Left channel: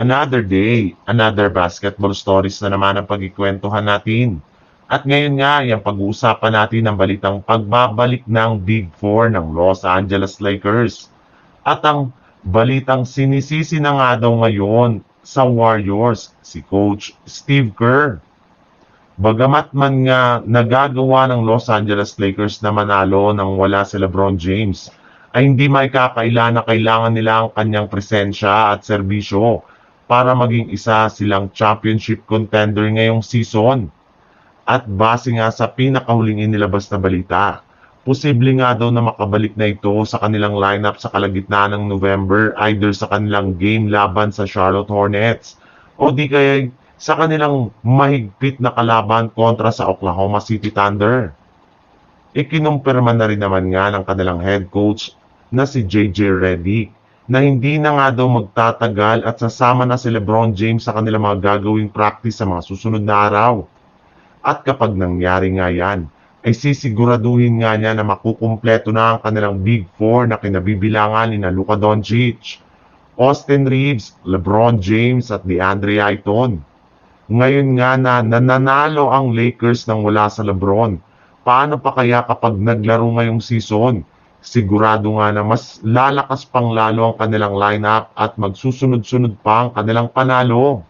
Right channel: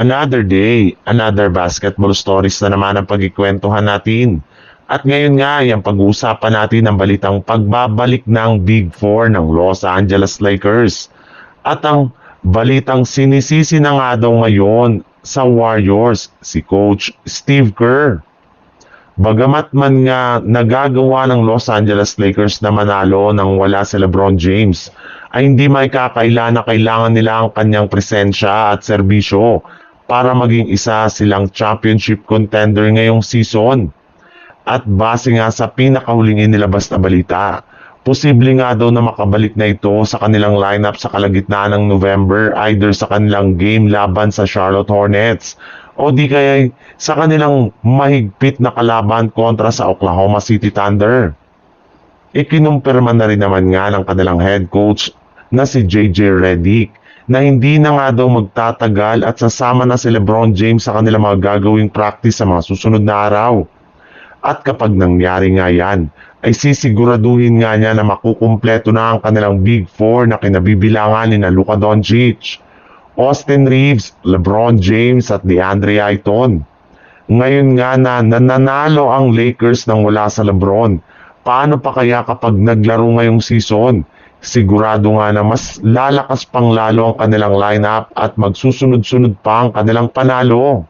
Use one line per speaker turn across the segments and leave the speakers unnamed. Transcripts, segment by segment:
Another day, another basketball stories na naman ang pagkikwentuhan natin. At ngayon nga, yung pag-uusapan natin ang balitang pagbabalik ng Big Four ng Los Angeles Lakers. At ang balitang sinisisi na nga daw ngayon sa Warriors, si Coach Steve Kerr. Bagamat man nga nagagawa ng Los Angeles Lakers na manalo nang wala si LeBron James, ay hindi may kakaila na kailangan nila ang kanyang presensya at serbisyo para maging isa silang championship contender ngayong season. At base nga sa pinakahuling inilabas na balita, posible nga daw na makabalik na ito sa kanilang lineup sa kalagitnaan ng November either sa kanilang game laban sa Charlotte Hornets o di kaya sa kanilang mahigpit na kalaban kontra sa Oklahoma City Thunder. Ikinumpirma na rin naman nga ng kanilang head coach na si JJ Redick na hindi na nga daw magtatagal at sasama na si LeBron James sa kanilang mga gagawing practice sa mga susunod na araw. At kapag nangyari nga yan, ay sisiguraduhin nga niya na makukumpleto na ang kanilang Big Four na kinabibilangan ni na Luka Doncic, Austin Reeves, LeBron James at DeAndre Ayton. Ngayon nga na nananalo ang Lakers nang wala sa LeBron, paano pa kaya kapag naglaro ngayong season? Sigurado nga na mas lalakas pang lalo ang kanilang lineup at magsusunod-sunod pa ang kanilang panalo.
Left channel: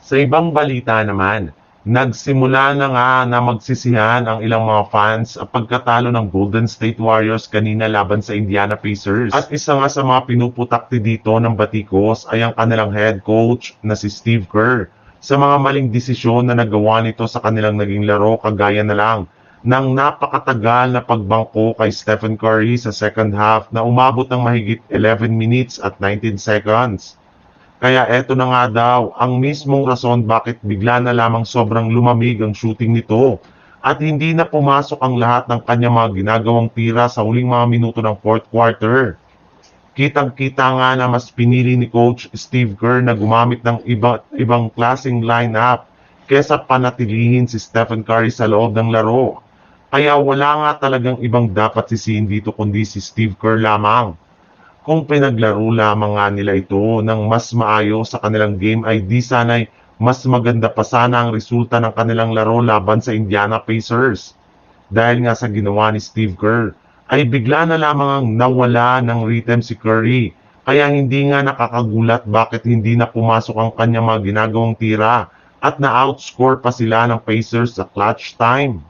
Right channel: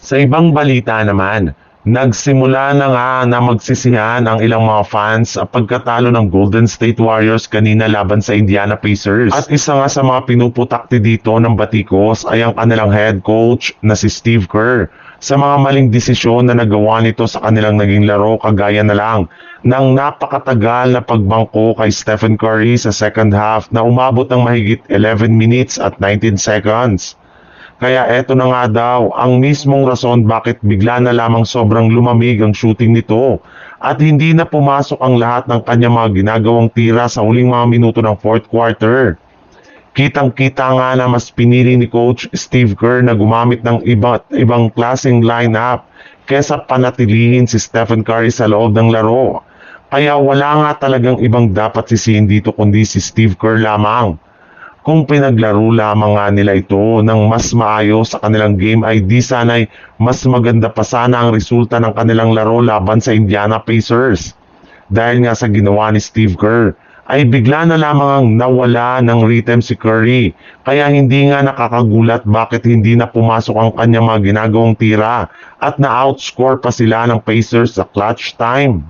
Sa ibang balita naman, nagsimula na nga na magsisihan ang ilang mga fans sa pagkatalo ng Golden State Warriors kanina laban sa Indiana Pacers. At isa nga sa mga pinuputakti dito ng batikos ay ang kanilang head coach na si Steve Kerr sa mga maling desisyon na nagawa nito sa kanilang naging laro kagaya na lang ng napakatagal na pagbangko kay Stephen Curry sa second half na umabot ng mahigit 11 minutes at 19 seconds. Kaya eto na nga daw ang mismong rason bakit bigla na lamang sobrang lumamig ang shooting nito at hindi na pumasok ang lahat ng kanyang mga ginagawang tira sa huling mga minuto ng fourth quarter. Kitang-kita nga na mas pinili ni Coach Steve Kerr na gumamit ng iba't ibang klaseng lineup kesa panatilihin si Stephen Curry sa loob ng laro. Kaya wala nga talagang ibang dapat sisihin dito kundi si Steve Kerr lamang. Kung pinaglaro lamang nga nila ito ng mas maayos sa kanilang game ay di sana'y mas maganda pa sana ang resulta ng kanilang laro laban sa Indiana Pacers. Dahil nga sa ginawa ni Steve Kerr, ay bigla na lamang nawala ng rhythm si Curry. Kaya hindi nga nakakagulat bakit hindi na pumasok ang kanyang mga ginagawang tira at na-outscore pa sila ng Pacers sa clutch time.